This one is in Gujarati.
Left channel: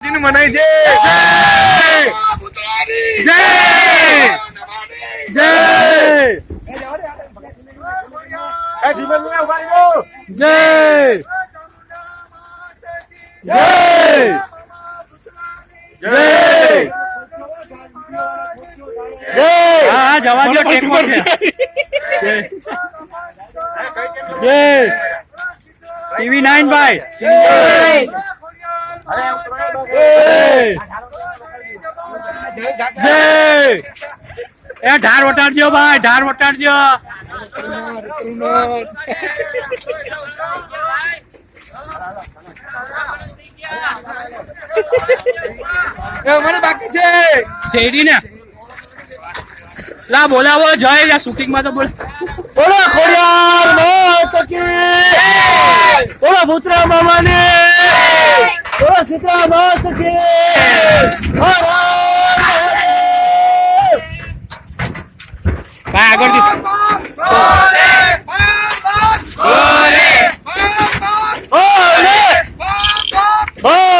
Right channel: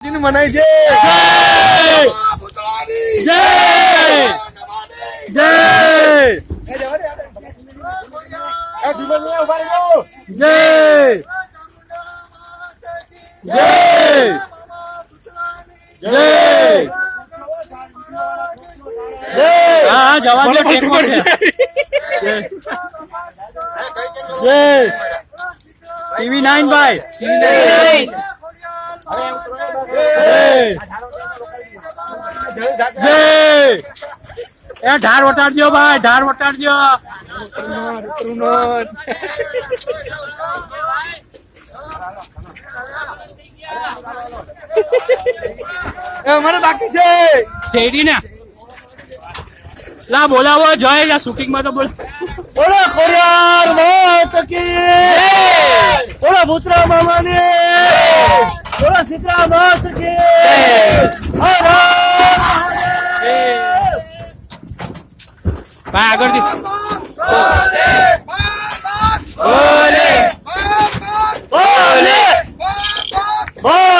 મનાય છે જય જય હા જવા દો ટેકો છે જય ટીવી 9 ભાઈ જય એ ઢાર વટાડજો ભાઈ ઢાર વટાડજો મને બાકી છે શેરડી ને લા બોલાવો જય યા શૂટિંગ માં તો બોલ બોલો ખોડિયાર માત કી બોલો ભૂતરા મામાની બોલો સીતા માત કી ભાઈ આગળથી બોલે બોલે બોલે